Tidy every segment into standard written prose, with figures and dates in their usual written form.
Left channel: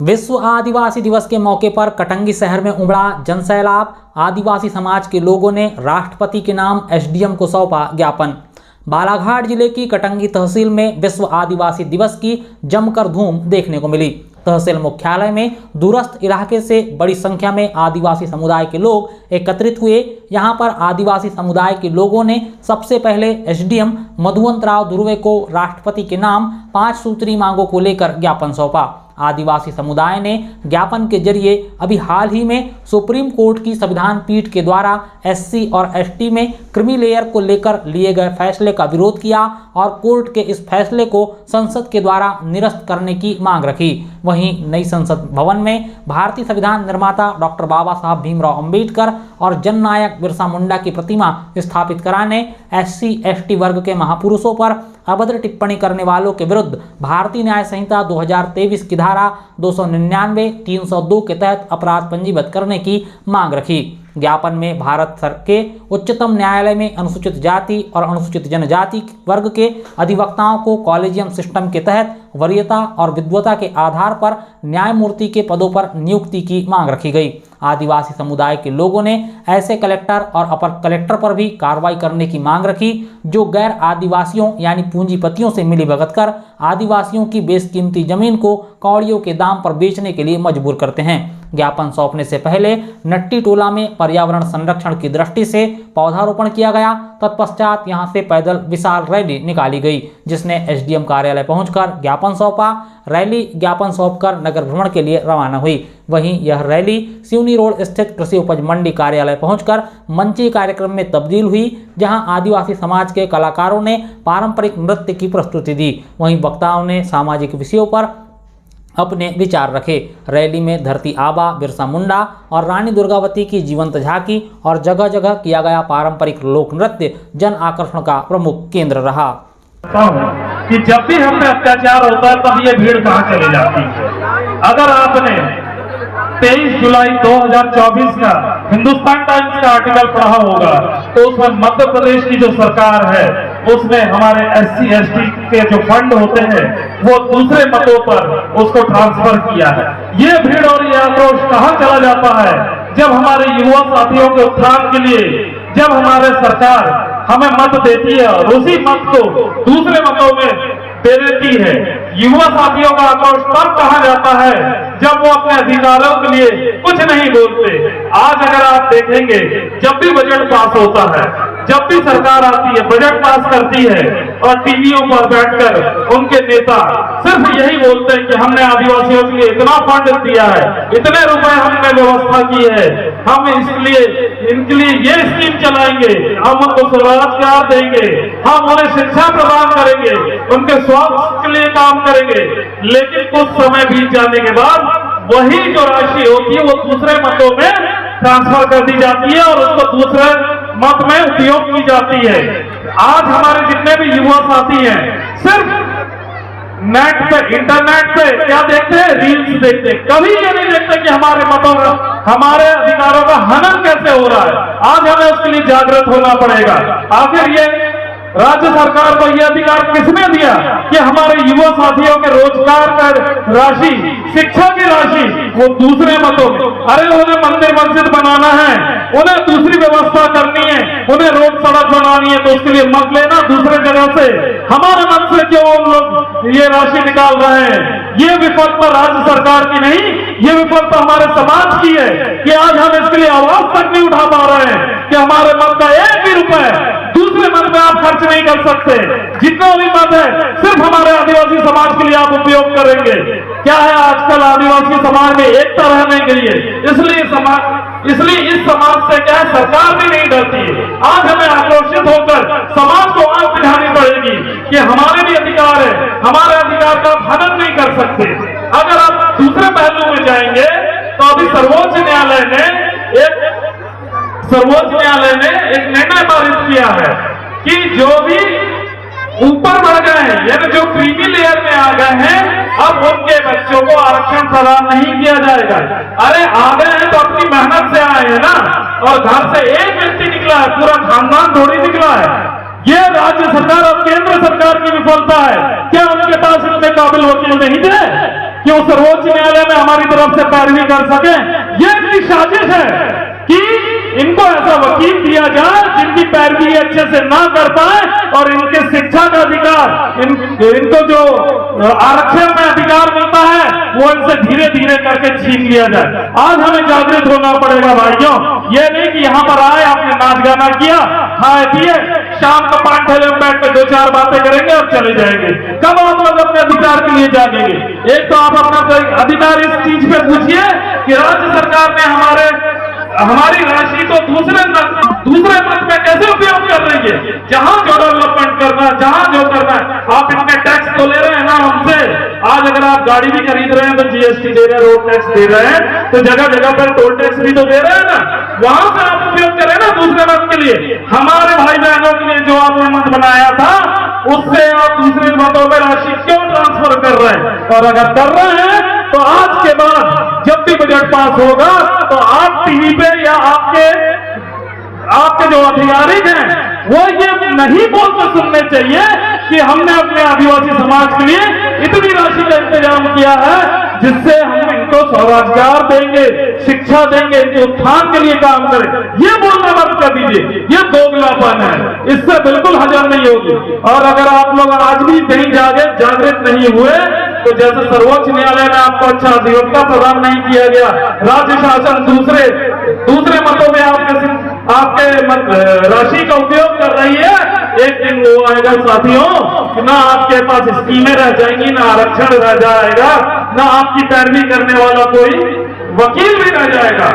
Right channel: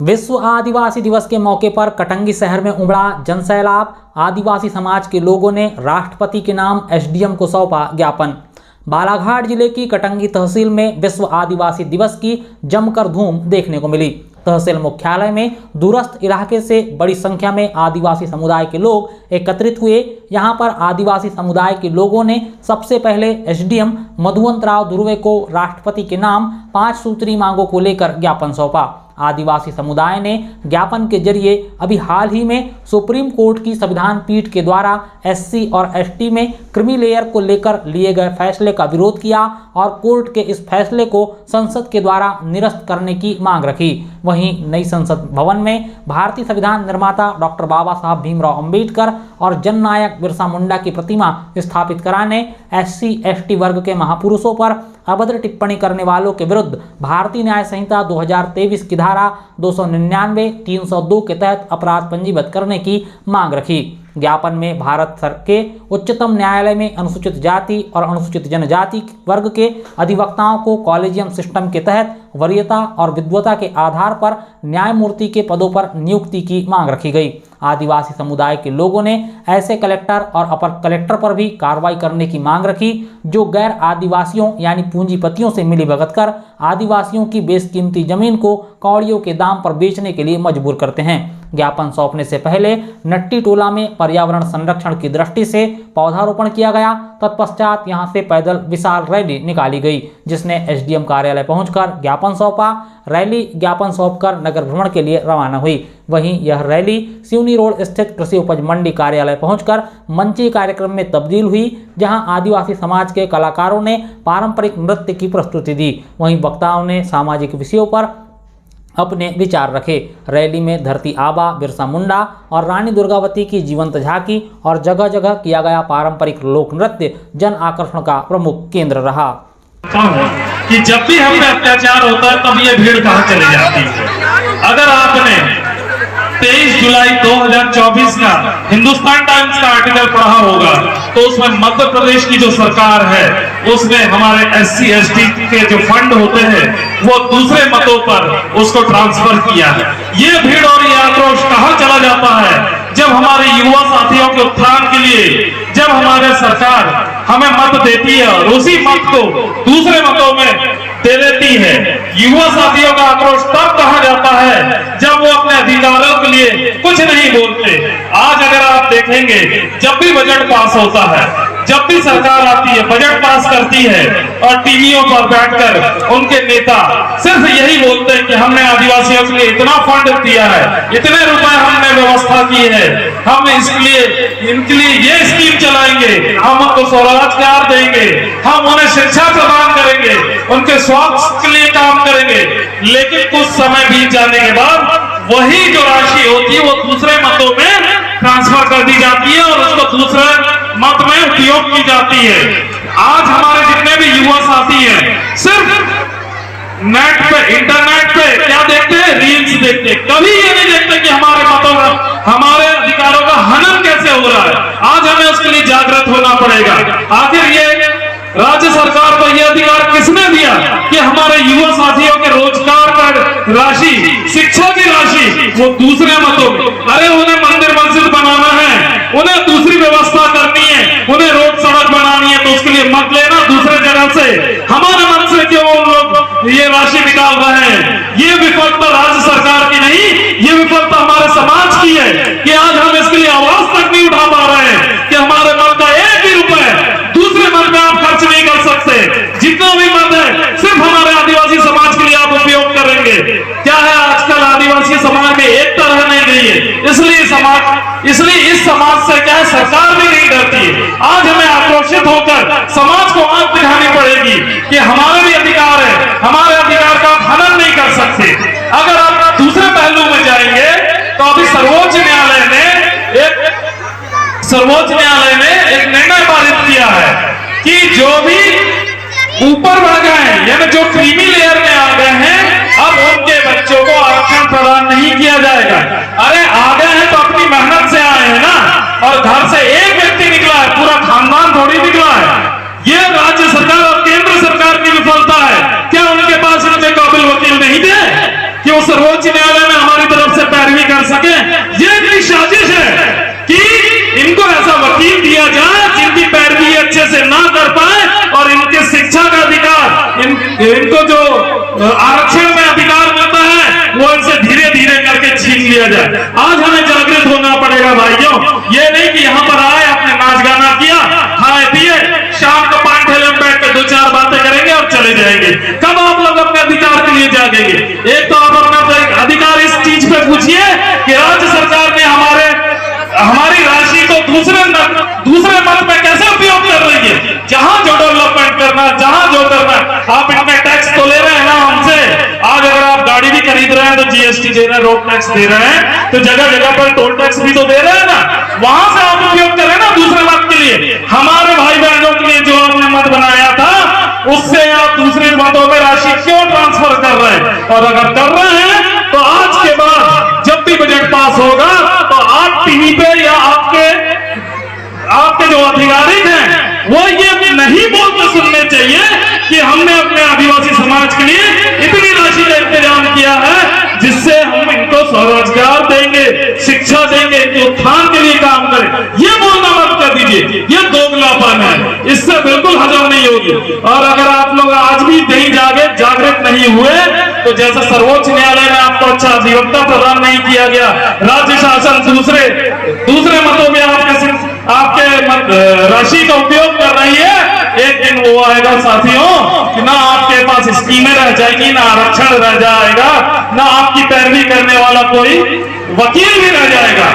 विश्व आदिवासी दिवस के मौके पर कटंगी शहर में उमड़ा जनसैलाब। आदिवासी समाज के लोगों ने राष्ट्रपति के नाम एसडीएम को सौंपा ज्ञापन। बालाघाट जिले की कटंगी तहसील में विश्व आदिवासी दिवस की जमकर धूम देखने को मिली। तहसील मुख्यालय में दूरस्थ इलाके से बड़ी संख्या में आदिवासी समुदाय के लोग एकत्रित हुए। यहां पर आदिवासी समुदाय के लोगों ने सबसे पहले एसडीएम मधुवंतराव धुर्वे को राष्ट्रपति के नाम 5 सूत्री मांगों को लेकर ज्ञापन सौंपा। आदिवासी समुदाय ने ज्ञापन के जरिए अभी हाल ही में सुप्रीम कोर्ट की संविधान पीठ के द्वारा एससी और एसटी में क्रीमी लेयर को लेकर लिए गए फैसले का विरोध किया और कोर्ट के इस फैसले को संसद के द्वारा निरस्त करने की मांग रखी। वहीं नई संसद भवन में भारतीय संविधान निर्माता डॉक्टर बाबा साहब भीमराव अंबेडकर और जननायक बिरसा मुंडा की प्रतिमा स्थापित कराने, एससी एसटी वर्ग के महापुरुषों पर अभद्र टिप्पणी करने वालों के विरुद्ध भारतीय न्याय संहिता 2023 की धारा 299, 302 के तहत अपराध पंजीबद्ध करने की मांग रखी। ज्ञापन में भारत के उच्चतम न्यायालय में अनुसूचित जाति और अनुसूचित जनजाति वर्ग के अधिवक्ताओं को कॉलेजियम सिस्टम के तहत वरीयता और विद्वता के आधार पर न्यायमूर्ति के पदों पर नियुक्ति की मांग रखी गई। आदिवासी समुदाय के लोगों ने ऐसे कलेक्टर और अपर कलेक्टर पर भी कार्रवाई करने की मांग रखी जो गैर आदिवासियों यानी पूंजीपतियों से मिलीभगत कर आदिवासियों की बेशकीमती जमीन को कौड़ियों के दाम पर बेचने के लिए मजबूर करते हैं। ज्ञापन सौंपने से पहले नट्टी टोला में पर्यावरण संरक्षण की दृष्टि से पौधारोपण किया गया। तत्पश्चात यहां से पैदल विशाल रैली निकाली गई जिसने एसडीएम कार्यालय पहुंचकर ज्ञापन सौंपा। रैली ज्ञापन सौंपकर नगर भ्रमण के लिए रवाना हुई। वहीं यह रैली सिवनी रोड स्थित कृषि उपज मंडी कार्यालय पहुंचकर मंची कार्यक्रम में तब्दील हुई जहां आदिवासी समाज के कलाकारों ने पारंपरिक नृत्य की प्रस्तुति दी। वहीं वक्ताओं ने सामाजिक विषयों पर अपने विचार रखे। रैली में धरती आबा, बिरसा मुंडा और रानी दुर्गावती की जीवंत झांकी और जगह जगह किया गया पारंपरिक लोक नृत्य जन आकर्षण का प्रमुख केंद्र रहा। कि जब भी हम पे अत्याचार होता है तब ये भीड़ कहां चली जाती है। अगर आपने 23 जुलाई 2024 का हिंदुस्तान टाइम्स का आर्टिकल पढ़ा होगा तो उसमें मध्य प्रदेश की जो सरकार है उसने हमारे एससी एसटी के जो फंड होते हैं वो दूसरे मतों पर उसको ट्रांसफर किया है। ये भीड़ और ये आक्रोश कहां चला जाता है जब हमारे युवा साथियों के उत्थान के लिए जब हमारे सरकार हमें मत देती है और उसी मत को दूसरे मतों में दे देती है। युवा साथियों का आक्रोश तब कहा जाता है जब वो अपने अधिकारों के लिए कुछ नहीं बोलते। आज अगर आप देखेंगे जब भी बजट पास होता है, जब भी सरकार आती है बजट पास करती है और टीवियों पर बैठकर उनके नेता सिर्फ यही बोलते हैं कि हमने आदिवासियों के लिए इतना फंड दिया है, इतने रुपए हमने व्यवस्था की है, हम इसके लिए इनके लिए ये स्कीम चलाएंगे, हम उनको स्वरोजगार देंगे, हम उन्हें शिक्षा प्रदान करेंगे, उनके स्वास्थ्य के लिए काम करेंगे। लेकिन कुछ समय बीत जाने के बाद वही जो राशि होती है वो दूसरे मतों में ट्रांसफर कर दी जाती है और उसको दूसरे मत में उपयोग की जाती है। आज हमारे जितने भी युवा साथी हैं सिर्फ नेट पे इंटरनेट पे क्या देखते हैं, रील्स देखते हैं। कभी ये नहीं देखते कि हमारे मतों का हमारे अधिकारों का हनन कैसे हो रहा है। आज हमें उसके लिए जागृत होना पड़ेगा। आखिर ये राज्य सरकार को यह अधिकार किसने दिया कि हमारे युवा साथियों के रोजगार पर राशि, शिक्षा की राशि वो दूसरे मतों में, अरे उन्हें मंदिर मस्जिद बनाना है, उन्हें दूसरी व्यवस्था करनी है, उन्हें रोड सड़क बनानी है तो उसके लिए मत लेना दूसरे जगह से। हमारे मन से क्यों उन लोग ये राशि निकाल रहे हैं? ये विफलता राज्य सरकार की नहीं, ये विफलता हमारे समाज की है कि आज हम इसके लिए आवाज तक नहीं उठा पा रहे हैं कि हमारे मत का एक भी रुपए दूसरे मत में आप खर्च नहीं कर सकते। जितना भी मत है सिर्फ हमारे आदिवासी समाज के लिए आप उपयोग करेंगे। क्या है आजकल आदिवासी समाज में एकता रह नहीं गई है, इसलिए इस समाज से क्या है सरकार भी नहीं डरती है। आज हमें आक्रोशित होकर समाज को आंख दिखानी पड़ेगी कि हमारे भी अधिकार है, हमारे अधिकार का आप हनन नहीं कर सकते। अगर आप दूसरे पहलू में जाएंगे तो अभी सर्वोच्च न्यायालय ने एक निर्णय पारित किया है कि जो भी ऊपर बढ़ गए हैं यानी जो क्रीमी लेयर में आ गए हैं अब उनके बच्चों को आरक्षण प्रदान नहीं किया जाएगा। अरे आ गए हैं तो अपनी मेहनत से आए हैं ना, और घर से एक व्यक्ति निकला है, पूरा खानदान थोड़ी निकला है। ये राज्य सरकार और केंद्र सरकार की विफलता है। क्या उनके पास इतने काबिल वकील नहीं थे कि वो सर्वोच्च न्यायालय में हमारे कर सके। ये इनकी साजिश है कि इनको ऐसा वकील दिया जाए जिनकी पैरवी अच्छे से ना कर पाए और इनके शिक्षा का अधिकार, इनको जो आरक्षण में अधिकार मिलता है वो इनसे धीरे धीरे करके छीन लिया जाए। आज हमें जागृत होना पड़ेगा भाइयों। ये नहीं कि यहाँ पर आए, आपने नाच गाना किया, खाए पिए, शाम को पान ठेले में बैठ के 2-4 बातें करेंगे और चले जाएंगे। कब आप लोग अपने अधिकार के लिए जागेंगे? एक तो आप अपना अधिकार इस चीज पे पूछिए कि राज्य सरकार ने हमारी राशि को दूसरे मत में कैसे उपयोग कर रही है। जहां जो डेवलपमेंट करना, जहां जो करना, आप इतने टैक्स तो ले रहे हैं ना हमसे। आज अगर आप गाड़ी भी खरीद रहे हैं तो जीएसटी दे रहे हैं, रोड टैक्स दे रहे हैं, तो जगह जगह पर टोल टैक्स भी तो दे रहे हैं ना। वहां से आप उपयोग करें ना दूसरे मत के लिए। हमारे भाई बहनों के लिए जो आपने मत बनाया था उससे आप दूसरे मतों में राशि क्यों ट्रांसफर कर रहे हैं? और अगर कर रहे हैं तो आज के बाद जब भी बजट पास होगा तो आप टीवी पे या आपके जो अधिकारी हैं वो ये नहीं बोलते सुनने चाहिए कि हमने अपने आदिवासी समाज के लिए इतनी राशि का इंतजाम किया है जिससे हम इनको स्वरोजगार देंगे, शिक्षा देंगे, इनके उत्थान के लिए काम करें। ये बोलना मत कर दीजिए, ये दोगलापन है, इससे बिल्कुल हजम नहीं होगी। और अगर आप लोग आज भी नहीं जागृत नहीं हुए तो जैसे सर्वोच्च न्यायालय ने आपको अच्छा अधिवक्ता प्रदान नहीं किया गया, राज्य शासन दूसरे मतों में आपके राशि का उपयोग कर रही है, एक दिन वो आएगा साथियों कि ना आपके पास स्कीमें रह जाएंगी, ना आरक्षण रह जाएगा, ना आपकी पैरवी करने वाला कोई वकील भी रह जाएगा।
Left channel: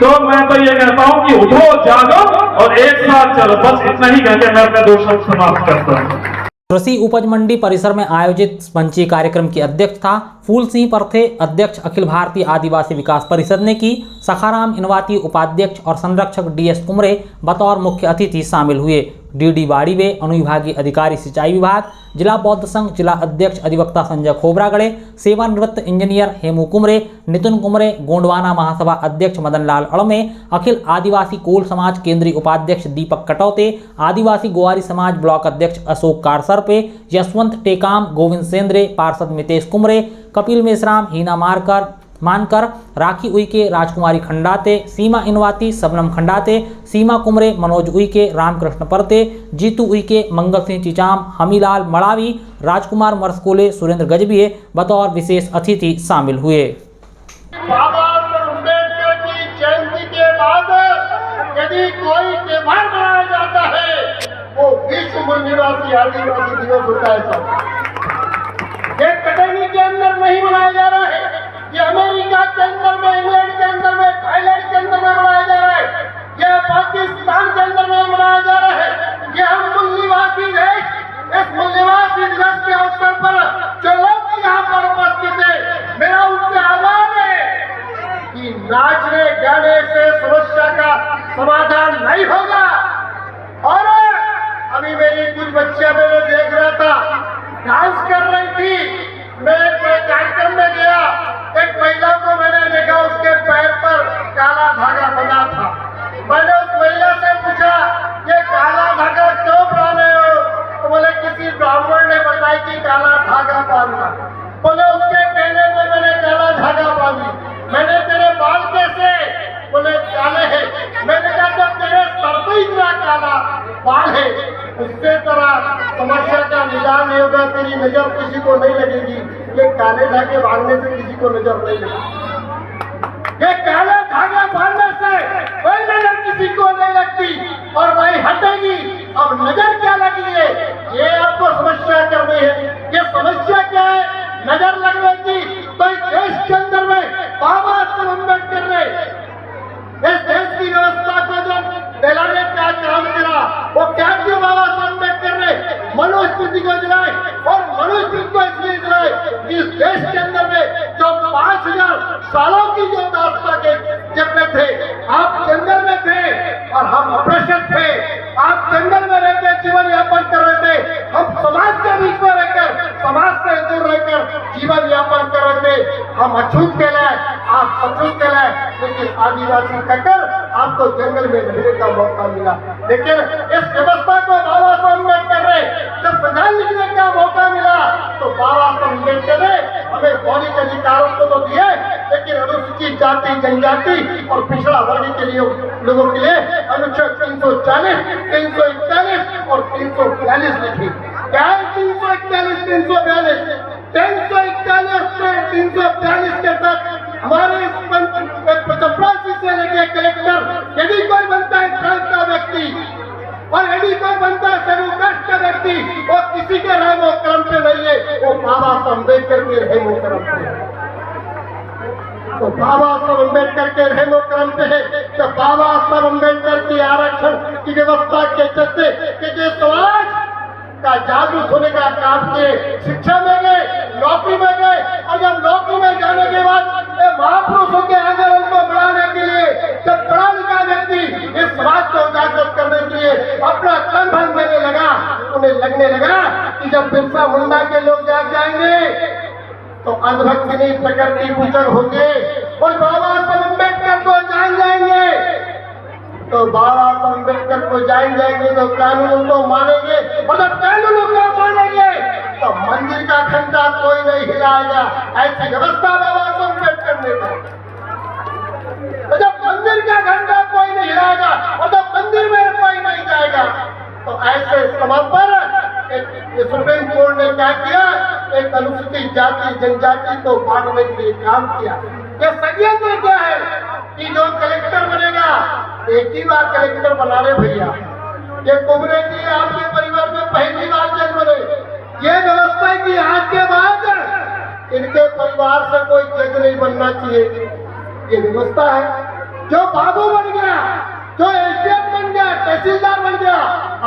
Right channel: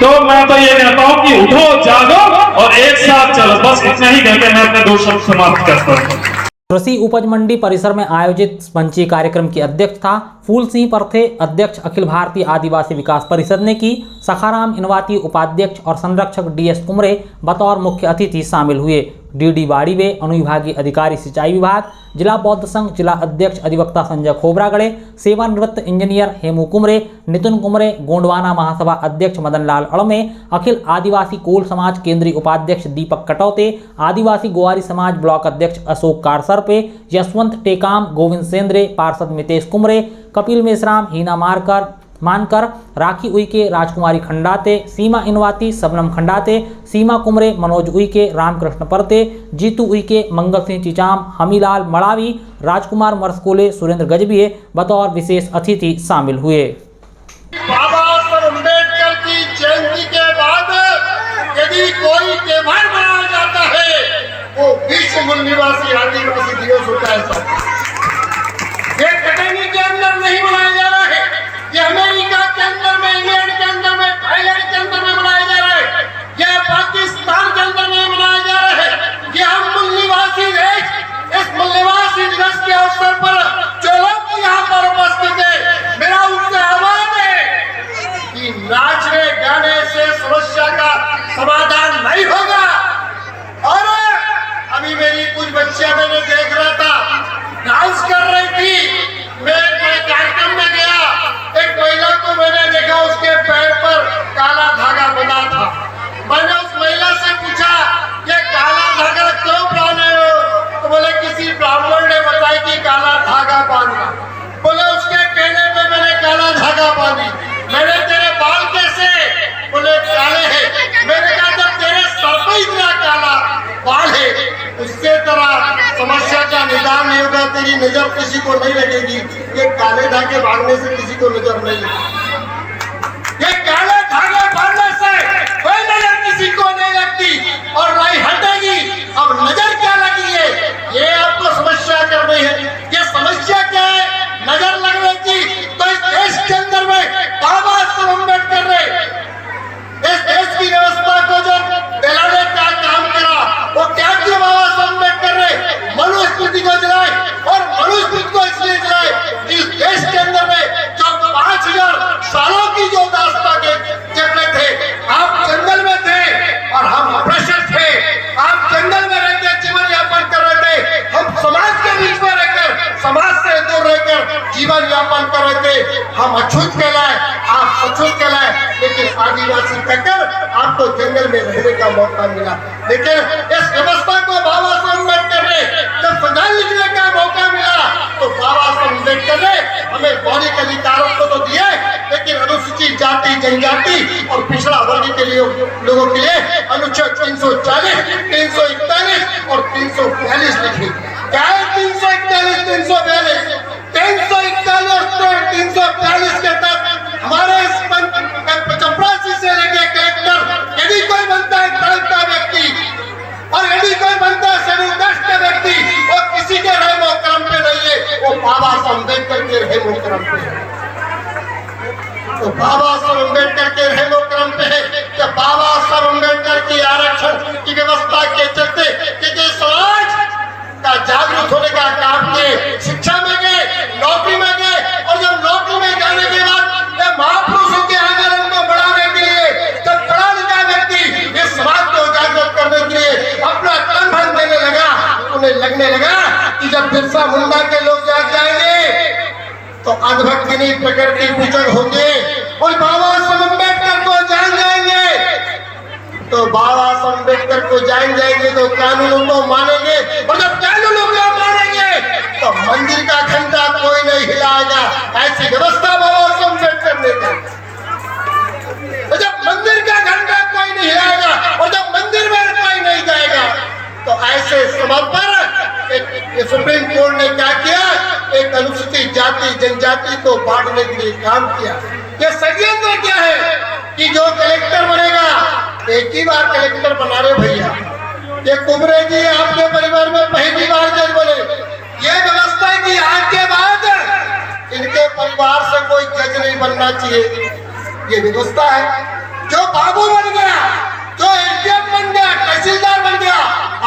तो मैं तो ये कहता हूं कि उठो, जागो और एक साथ चलो। बस इतना ही कहकर मैं अपने 2 शब्द समाप्त करता हूं। कृषि उपज मंडी परिसर में आयोजित मंचीय कार्यक्रम की अध्यक्षता फूल सिंह परथे, अध्यक्ष अखिल भारतीय आदिवासी विकास परिषद ने की। सखाराम इनवाती उपाध्यक्ष और संरक्षक डीएस कुमरे बतौर मुख्य अतिथि शामिल हुए। डीडी बाड़ीवे, अनुविभागीय अधिकारी सिंचाई विभाग, जिला बौद्ध संघ जिला अध्यक्ष अधिवक्ता संजय खोबरागड़े, सेवानिवृत्त इंजीनियर हेमू कुमरे, नितिन कुमरे, गोंडवाना महासभा अध्यक्ष मदन लाल अड़मे, अखिल आदिवासी कोल समाज केंद्रीय उपाध्यक्ष दीपक कटौते, आदिवासी गोवारी समाज ब्लॉक अध्यक्ष अशोक कारसरपे, यशवंत टेकाम, गोविंद सेंद्रे, पार्षद मितेश कुमरे, कपिल मेश्राम, हीना मानकर, राखी उइके, राजकुमारी खंडाते, सीमा इनवाती, सबनम खंडाते, सीमा कुमरे, मनोज उइके, रामकृष्ण परते, जीतू उइके, मंगल सिंह चिचाम, हमीलाल मड़ावी, राजकुमार मरसकोले, सुरेंद्र गजबिये बतौर विशेष अतिथि शामिल हुए। बाबा साहब अम्बेडकर की जयंती के बाद यदि कोई त्योहार मनाया जाता है वो विश्व मूल निवासी आदिवासी दिवस होता है। ये कटनी के अंदर नहीं मनाया जा रहा है, ये अमेरिका के अंदर में, इंग्लैंड के अंदर में, थाईलैंड के अंदर में मनाया जा रहा है, ये पाकिस्तान के अंदर में मनाया जा रहा है। ये हम मूल निवासी देश, इस मूल निवासी दिवस के अवसर पर जो लोग यहाँ पर उपस्थित है, मेरा उनसे आह्वान है कि नाचने गाने से समस्या का समाधान नहीं होगा। और अभी मेरी कुछ बच्चियां मैंने देख रहा था, डांस कर रही थी। मैं कार्यक्रम में गया, एक महिला को मैंने देखा, उसके पैर पर काला धागा बंधा था। मैंने उस महिला से पूछा ये काला धागा क्यों बांधे हो? तो बोले किसी ब्राह्मण ने बताया कि काला धागा बांधना। बोले उसके कहने पे मैंने काला धागा बांधी। मैंने तेरे बाल कैसे? बोले काले हैं। मैंने कहा जब तेरे सर पे इतना काला बाल है उससे तरह समस्या का निदान नहीं होगा, तेरी नजर किसी को नहीं लगेगी। ये काले धागे बांधने से किसी को नजर नहीं लगेगी, ये काले धागे बांधने से कोई नजर किसी को नहीं लगती और नहीं हटेगी। अब नजर क्या लगी है ये आपको समस्या कर रही है। ये समस्या क्या है? नजर लगने की। तो इस देश के अंदर में बाबा साहब अम्बेडकर ने इस देश की व्यवस्था को जो दिलाने का काम करा, वो क्या किया बाबा साहब अम्बेडकर ने? मनुस्मृति को जलाए। और मनुस्मृति को इसलिए जलाए कि इस देश के अंदर में जो 5000 सालों की जो दास्तां के जंगल थे, आप जंगल में थे और हम अप्रसन्न थे। आप जंगल में रहकर जीवन यापन कर रहे थे, हम समाज के बीच में रहकर, समाज से दूर रहकर जीवन यापन कर रहे थे। हम अछूत कहलाए, आप अछूत कहलाए, लेकिन आदिवासी कहकर आपको जंगल में रहने का मौका मिला। लेकिन इस व्यवस्था को बाबा साहब अम्बेडकर ने जब संविधान लिखने का मौका मिला तो बाबा साहब अम्बेडकर ने हमें मौलिक अधिकारों को तो दिए, लेकिन अनुसूचित जाति जनजाति और पिछड़ा वर्ग के लिए लोगों के लिए अनुच्छेद 340, 341 और 342 लिखी। क्या है 341, 342? 341 और 342 के तहत हमारे चपरासी से लेके कलेक्टर यदि कोई बनता है धर्म का व्यक्ति और यदि कोई बनता है शेड्यूल कास्ट का व्यक्ति, वो किसी के रहम और करम पे नहीं है, वो बाबा साहब अम्बेडकर के रहम और करम पे है। तो बाबा साहब अम्बेडकर के रहम और करम पे है। तो बाबा साहब अम्बेडकर की आरक्षण की व्यवस्था के चलते कि समाज का जागरूक होने का काम किए, शिक्षा में गए, नौकरी में गए, और जब नौकरी में जाने के बाद महापुरुषों के आंदोलन को बढ़ाने के लिए जब पढ़ा लिखा व्यक्ति इस समाज को उजागर करने के लिए अपना तन धन देने लगा, उन्हें लगने लगा कि जब बिरसा मुंडा के लोग जाग जाएंगे तो अंधभक्ति प्रकृति पूजन होंगे और बाबा साहब अम्बेडकर को जान जाएंगे। तो बाबा साहब अम्बेडकर को जान जाएंगे तो कानूनों को मानेंगे, और जब कानूनों को मानेंगे तो मंदिर का घंटा कोई नहीं हिलाएगा। ऐसी व्यवस्था बाबा साहब अम्बेडकर ने की। तो जब मंदिर का घंटा कोई नहीं हिलाएगा और जब मंदिर में कोई नहीं जाएगा, तो ऐसे समय पर सुप्रीम कोर्ट ने क्या किया, एक अनुसूचित जाति जनजाति को बांटने के लिए काम किया। ये षड्यंत्र क्या है कि जो कलेक्टर बनेगा, एक ही बार कलेक्टर बना रहे भैया, ये कुबरे जी आपके परिवार में पहली बार जज बने। ये व्यवस्था की आज के बाद इनके परिवार से कोई जज नहीं बनना चाहिए, ये व्यवस्था है। जो बाबू बन गया, जो एसडीएम बन गया, तहसीलदार बन गया,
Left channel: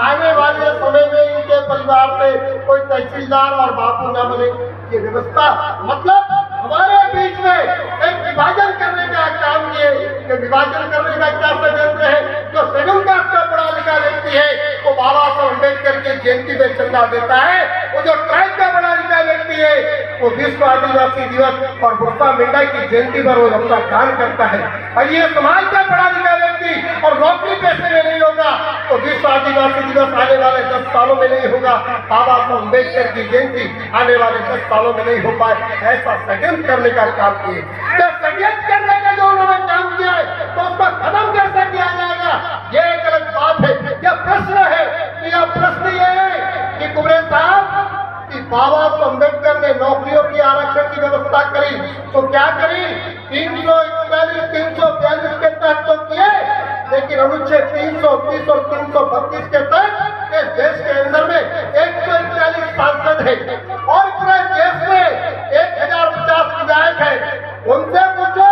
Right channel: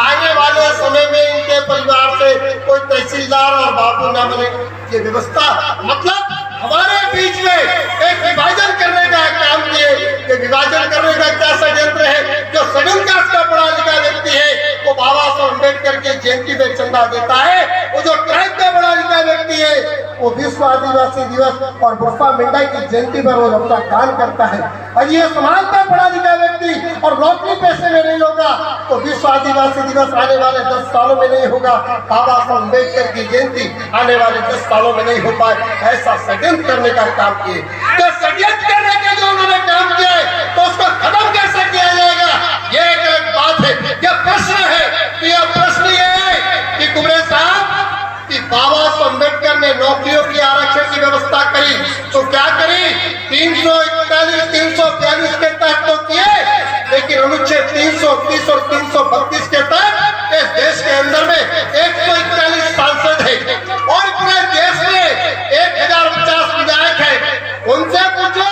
आने वाले समय में इनके परिवार से कोई तहसीलदार और बाबू ना बने, ये व्यवस्था। मतलब हमारे बीच में एक विभाजन करने का काम किए। ये विभाजन करने का क्या षड्यंत्र है? जो शेड्यूल कास्ट का पढ़ा लिखा व्यक्ति है वो बाबा साहब अम्बेडकर की जयंती में चंदा देता है, वो जो ट्राइब का पढ़ा लिखा व्यक्ति है वो विश्व आदिवासी दिवस और बिरसा मुंडा की जयंती पर वो अपना दान करता है। और ये समाज का पढ़ा लिखा व्यक्ति और नौकरी पैसे में नहीं होगा तो विश्व आदिवासी दिवस आने वाले 10 सालों में नहीं होगा, बाबा साहब अम्बेडकर की जयंती आने वाले 10 सालों में नहीं हो पाए। ऐसा षड्यंत्र करने का काम किए। तो षड्यंत्र करने का जो उन्होंने काम किया है तो उसको खत्म कैसे किया जाएगा, ये एक बात है। यह प्रश्न है, यह प्रश्न ये है कि कुबरे साहब कि बाबा साहब अम्बेडकर ने नौकरियों की आरक्षण की व्यवस्था करी तो क्या करी, 341, 342 के तहत तो किए, लेकिन अनुच्छेद 330 और 332 के तहत इस देश के अंदर में 141 सांसद है और पूरे देश में 1050 विधायक है। उनसे पूछो,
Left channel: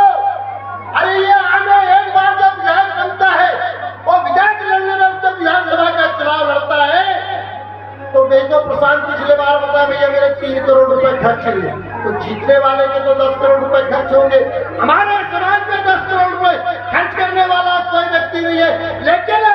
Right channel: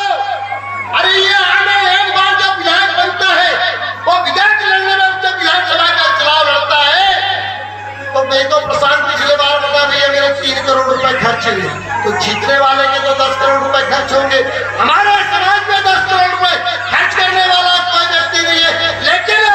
अरे ये आगे एक बार जब विधायक बनता है और विधायक लड़ने में जब विधानसभा का चुनाव लड़ता है तो देखो प्रशांत पिछले बार बता भैया मेरे 3 करोड़ रुपए खर्च हुए, तो जीतने वाले के तो 10 करोड़ रुपए खर्च होंगे। हमारे समाज में 10 करोड़ रुपए खर्च करने वाला कोई व्यक्ति नहीं है, लेकिन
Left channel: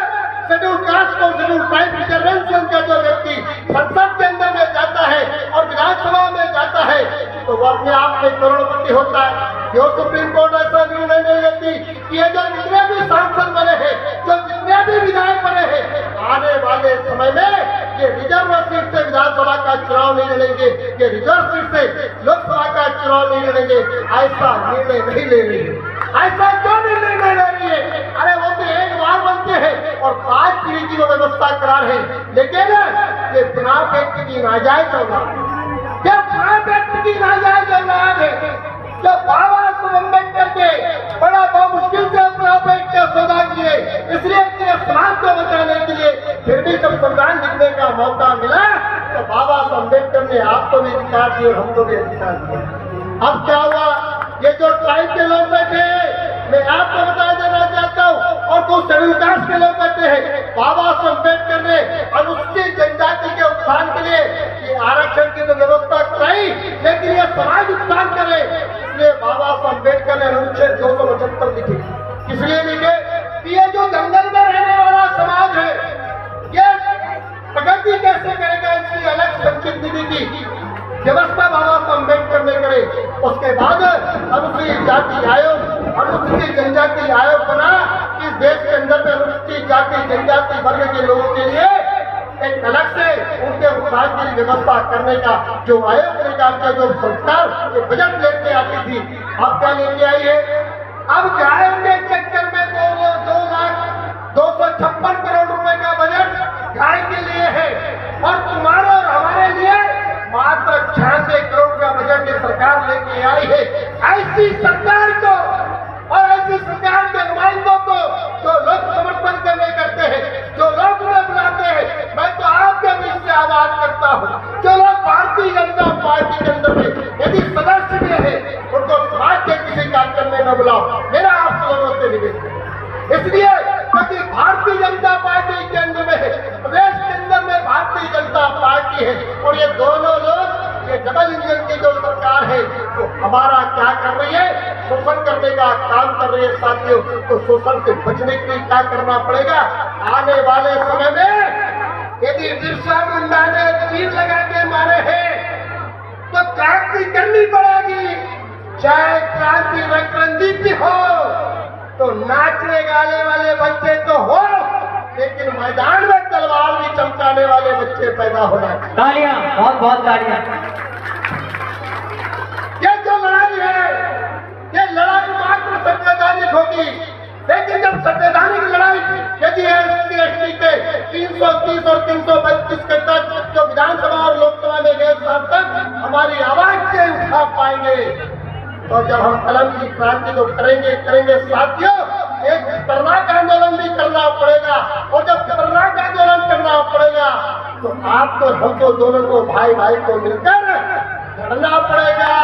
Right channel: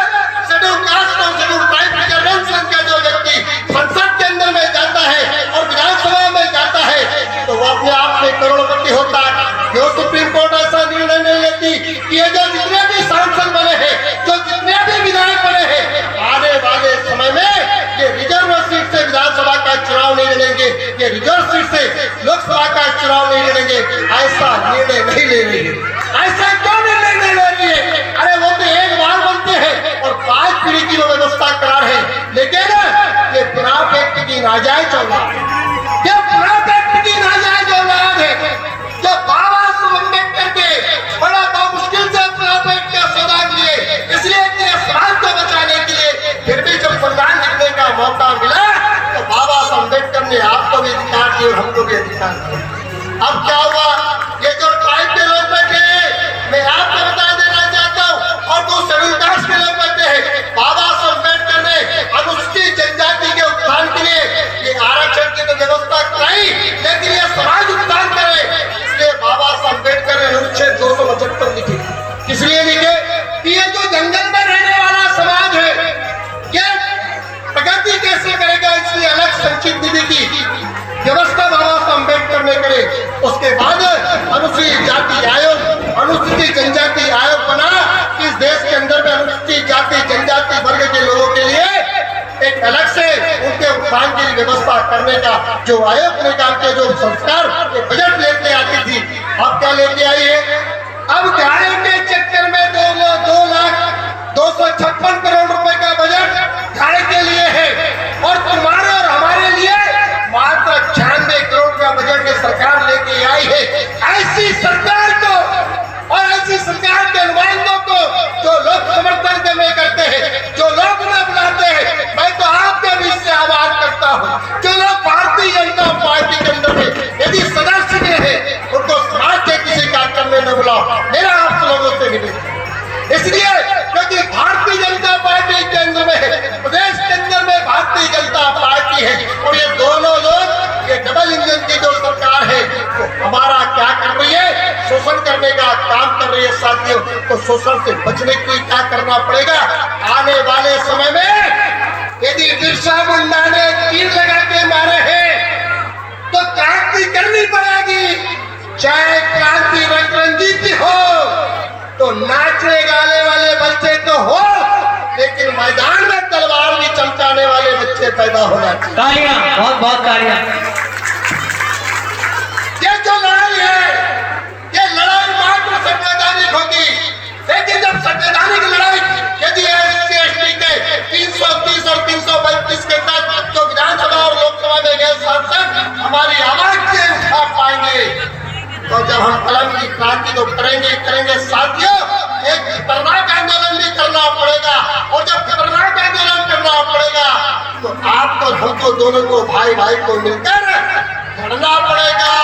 शेड्यूल कास्ट और शेड्यूल ट्राइब रिजर्वेशन का जो व्यक्ति संसद के अंदर में जाता है और विधानसभा में जाता है तो वो अपने आप में करोड़पति होता है। जो सुप्रीम कोर्ट ऐसा निर्णय नहीं लेती कि ये जो जितने भी सांसद बने हैं, जो जितने भी विधायक बने हैं, आने वाले समय में ये रिजर्व सीट से विधानसभा का चुनाव नहीं लड़ेंगे, ये रिजर्व सीट से लोकसभा का चुनाव नहीं लड़ेंगे, ऐसा निर्णय नहीं ले रही है। ऐसा क्यों निर्णय नहीं ले रही है? अरे वो तो एक बार बनते हैं और 5 पीढ़ी की वो व्यवस्था करा रहे हैं, लेकिन ये पुराना एक्ट की नाजायज औलाद है, ये पुराना एक्ट की नाजायज औलाद है। जब बाबा साहब अम्बेडकर के बड़ा बहुत मुश्किल से पुराना एक्ट का सौदा किए, इसलिए कि समाज को बचाने के लिए, फिर भी जब संविधान लिखने का मौका मिला तो बाबा साहब अम्बेडकर ने आपको भी अधिकार दिए और हमको भी अधिकार दिया। अब क्या हुआ, ये जो ट्राइब के लोग बैठे हैं, मैं आपको बता देना चाहता हूँ, और जो शेड्यूल कास्ट के लोग बैठे हैं, बाबा साहब अम्बेडकर ने अनुसूचित जनजाति के उत्थान के लिए ये आरक्षण की तो व्यवस्था कराई, लेकिन ये समाज उत्थान करे, इसलिए बाबा साहब अम्बेडकर ने अनुच्छेद 275 लिखे। इसलिए लिखे कि ये जो जंगल में रहने वाला समाज है ये प्रगति कैसे करेगा, इसलिए अलग संचित निधि की व्यवस्था बाबा साहब अम्बेडकर ने करे। उसके बाद अनुसूचित जाति आयोग, अनुसूचित जनजाति आयोग बना। इस देश के अंदर में अनुसूचित जाति जनजाति वर्ग के लोगों के लिए एक अलग से उनके उत्थान की व्यवस्था करने का जो आयोग ने काम किया, जो संस्कार बजट लेके आती थी, आप क्या लेके आई है? अब गाय के चक्कर में 2,256 करोड़ रुपए का बजट गाय के लिए है और तुम्हारे और हमारे लिए मात्र 96 करोड़ का बजट ये सरकार लेके आई है। ऐसी सरकार को और ऐसी सरकार के नुमाइंदों को जो लोग समर्थन करते हैं, जो लोग बनाते हैं, मैं तो आपके बीच से आवाज करता हूँ। जो लोग भारतीय जनता पार्टी के अंदर में यदि सदस्य है उनको समाज के किसी कार्यक्रम में न बुलाओ, मेरा आप लोगों से निवेदन। इसलिए क्योंकि भारतीय जनता पार्टी के अंदर में प्रदेश के अंदर में भारतीय जनता पार्टी है और ये दोनों लोग ये डबल इंजन की जो सरकार है वो हमारा क्या कर रही है, शोषण करने का काम कर रही है साथियों। तो शोषण से बचने के लिए क्या करना पड़ेगा? आने वाले समय में यदि बिरसा मुंडा ने तीर लगा के मारे हैं तो क्रांति करनी पड़ेगी, चाहे क्रांति रंजीत हो तो नाचने गाने वाले बच्चे तो हो, लेकिन मैदान में तलवार भी चमकाने वाले बच्चे पैदा होना चाहिए। तालियां, बहुत बहुत तालियां। ये जो लड़ाई है ये लड़ाई मात्र संवैधानिक होगी, लेकिन जब संवैधानिक लड़ाई यदि SC ST के 330 और 335 के तहत जो विधानसभा और लोकसभा में गए सांसद हमारी आवाज से उठा पाएंगे तो जब हम कलम की क्रांति को करेंगे साथियों, एक खतरनाक आंदोलन भी करना पड़ेगा और जब खतरनाक आंदोलन करना पड़ेगा तो आपको हमको दोनों को भाई को मिलकर लड़ना पड़ेगा।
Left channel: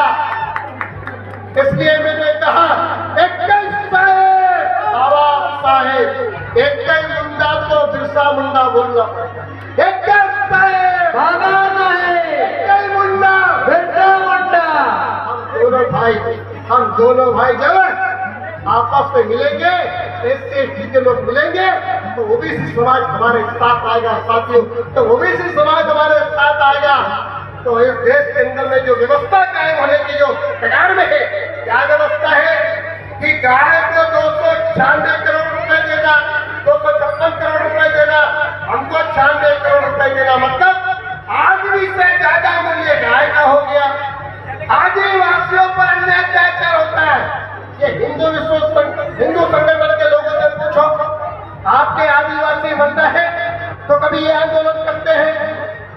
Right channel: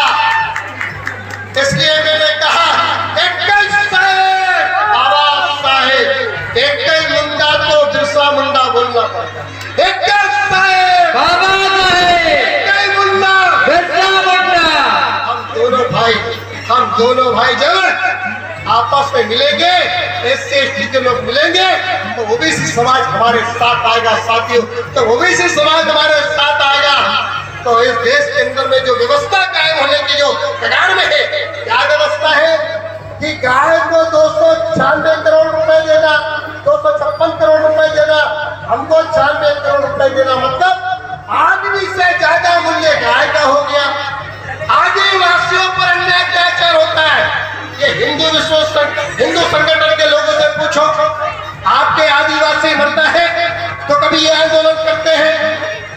इसलिए मैंने कहा बाबा साहेब एक मुंडा तो बिरसा मुंडा बोलना पड़ेगा। एक बाबा साहेब मुंडा बिरसा मुंडा। हम दोनों भाई जब आपस में मिलेंगे, SC ST के लोग मिलेंगे तो ओबीसी समाज हमारे साथ आएगा साथियों। तो ओबीसी समाज हमारे साथ आएगा तो इस देश के अंदर में जो व्यवस्था कायम होने की जो कगार में है, क्या व्यवस्था है कि गाय को 296 करोड़ रुपए देना, 256 करोड़ रुपए देना, हमको 96 करोड़ रुपए देना, मतलब आदमी से ज्यादा मूल्य गाय का हो गया। आदिवासियों पर अन्याय अत्याचार होता है। ये हिंदू संगठन के लोगों से पूछो, आपके आदिवासी मरता है तो कभी ये आंदोलन करते हैं?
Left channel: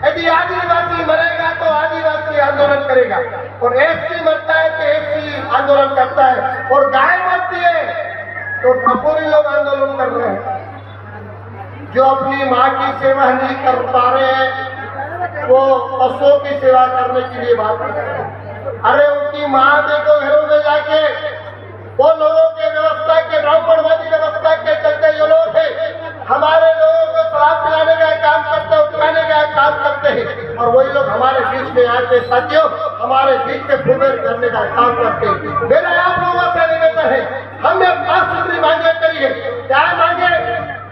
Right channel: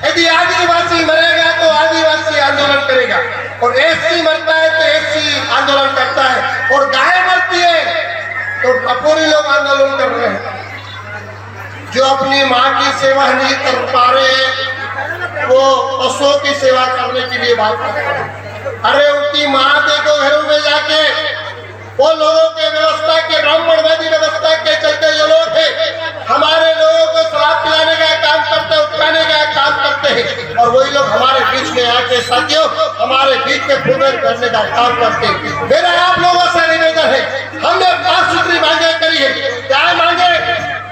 यदि आदिवासी मरेगा तो आदिवासी आंदोलन करेगा और SC मरता है तो SC आंदोलन करता है और गाय मरती है तो टपोरी लोग आंदोलन कर रहे हैं। जो अपनी माँ की सेवा नहीं कर पा रहे हैं वो पशुओं की सेवा करने के लिए बात कर रहे हैं। अरे उनकी माँ देखो घरों में जाके वो लोगों के व्यवस्था के ब्राह्मणवादी व्यवस्था के चलते जो लोग हैं हमारे लोगों को शराब पिलाने का काम करते हैं, उठाने का काम करते हैं और वही लोग हमारे बीच में आके साथियों हमारे बीच में फुटबॉल करने का काम करते हैं। मेरा आप लोगों से निवेदन है, हमने 5 सूत्री मांगे करी है। क्या मांगे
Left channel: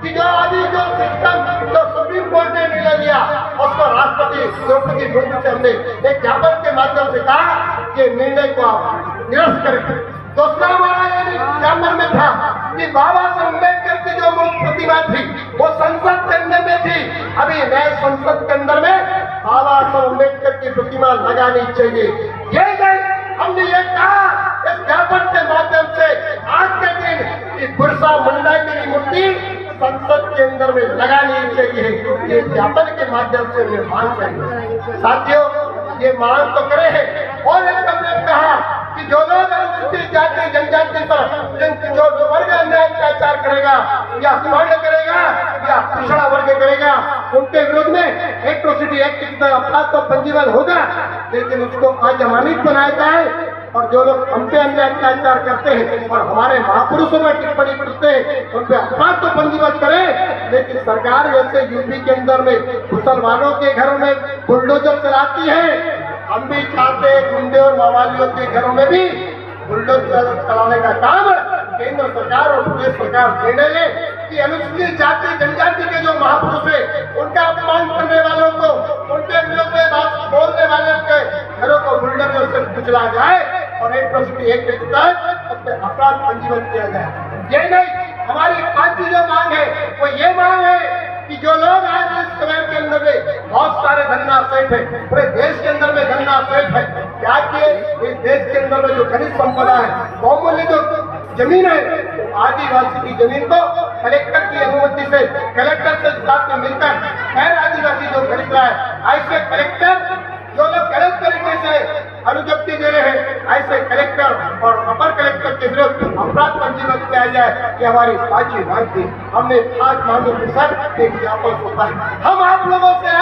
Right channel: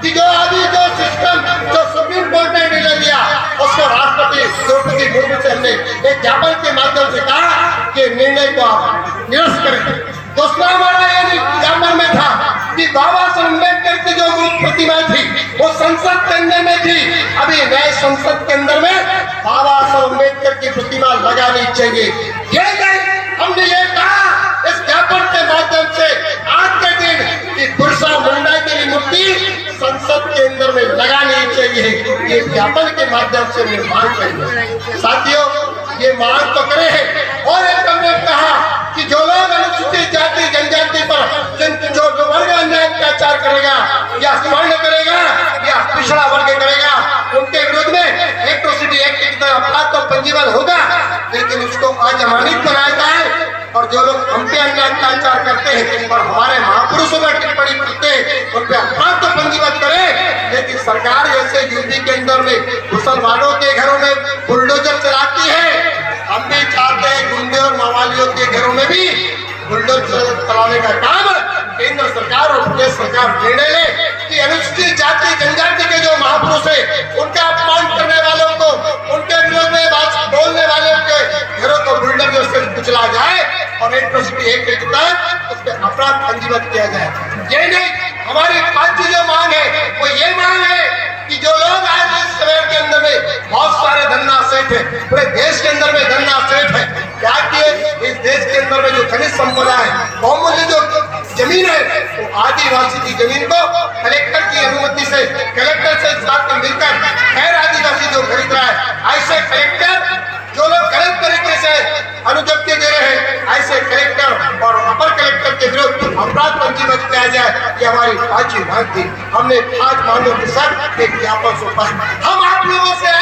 कि जो अभी जो सिस्टम जो सुप्रीम कोर्ट ने निर्णय दिया उसको राष्ट्रपति द्रौपदी मुर्मू से हमने एक ज्ञापन के माध्यम से कहा कि निर्णय को आप निरस्त करें। दूसरा हमारा ये ज्ञापन में था कि बाबा साहब अम्बेडकर की जो प्रतिमा थी वो संसद के अंदर में थी। अभी नए संसद के अंदर में बाबा साहब अम्बेडकर की प्रतिमा लगानी चाहिए। ये नहीं हमने ये कहा इस ज्ञापन के माध्यम से आज के दिन कि बिरसा मुंडा की मूर्ति संसद के अंदर में लगानी चाहिए। ये ज्ञापन के माध्यम से मैं मांग करेंगे साथियों, ये मांग तो करे हैं और एक हमने कहा कि जो लोग अनुसूचित जाति जनजाति पर जो वर्ग अन्याय अत्याचार करेगा या सवर्ण करेगा या पिछड़ा वर्ग करेगा उनके विरुद्ध में एट्रोसिटी एक्ट की तरह अपराध तो पंजीबद्ध होगा, लेकिन उसको अजमानत बनाया जाए और जो लोग हम पे अन्याय अत्याचार करते हैं और हमारे महापुरुषों में टिप्पणी करते हैं उन पे अपराध तो पंजीबद्ध करें। लेकिन सरकार जैसे यूपी के अंदर में मुसलमानों के घरों में बुलडोजर चलाती है, हम भी चाहते हैं गुंडे और मवालियों के घरों में भी बुलडोजर चलाने का काम केंद्र सरकार और प्रदेश सरकार निर्णय ले कि अनुसूचित जाति जनजाति के जो महापुरुष है उनका अपमान करने वालों को, उनके विरोध में बात बोलने वालों के घरों को बुलडोजर से कुचला जाए और एट्रोसिटी एक्ट के तहत उस पर अपराध पंजीबद्ध किया जाए। ये नहीं, हमारी 5 जो मांग है वो ये मांग है कि जो लोग आज इस शहर के अंदर में बहुत सारे धंधा सेठ है, पूरे देश के अंदर में धंधा सेठ है, क्या कि इस देश के अंदर में जो खनिज संपदा है, बहुमूल्य जो जमीन है वो आदिवासी की जमीन को कलेक्टर की अनुमति से कलेक्टर से साथ में मिलकर खैर आदिवासी जो खरीद रहा है, ऐसे कलेक्टर जो लोग गलत तरीके से अनुज्ञप्ति दे रहे हैं, ऐसे कलेक्टर और अपर कलेक्टर के विरुद्ध अपराध पंजीबद्ध किया जाए, ये हमारी पांचवी मांग थी। हमने 5 मांगों के साथ एक ज्ञापन सौंपा है। हम आप लोगों से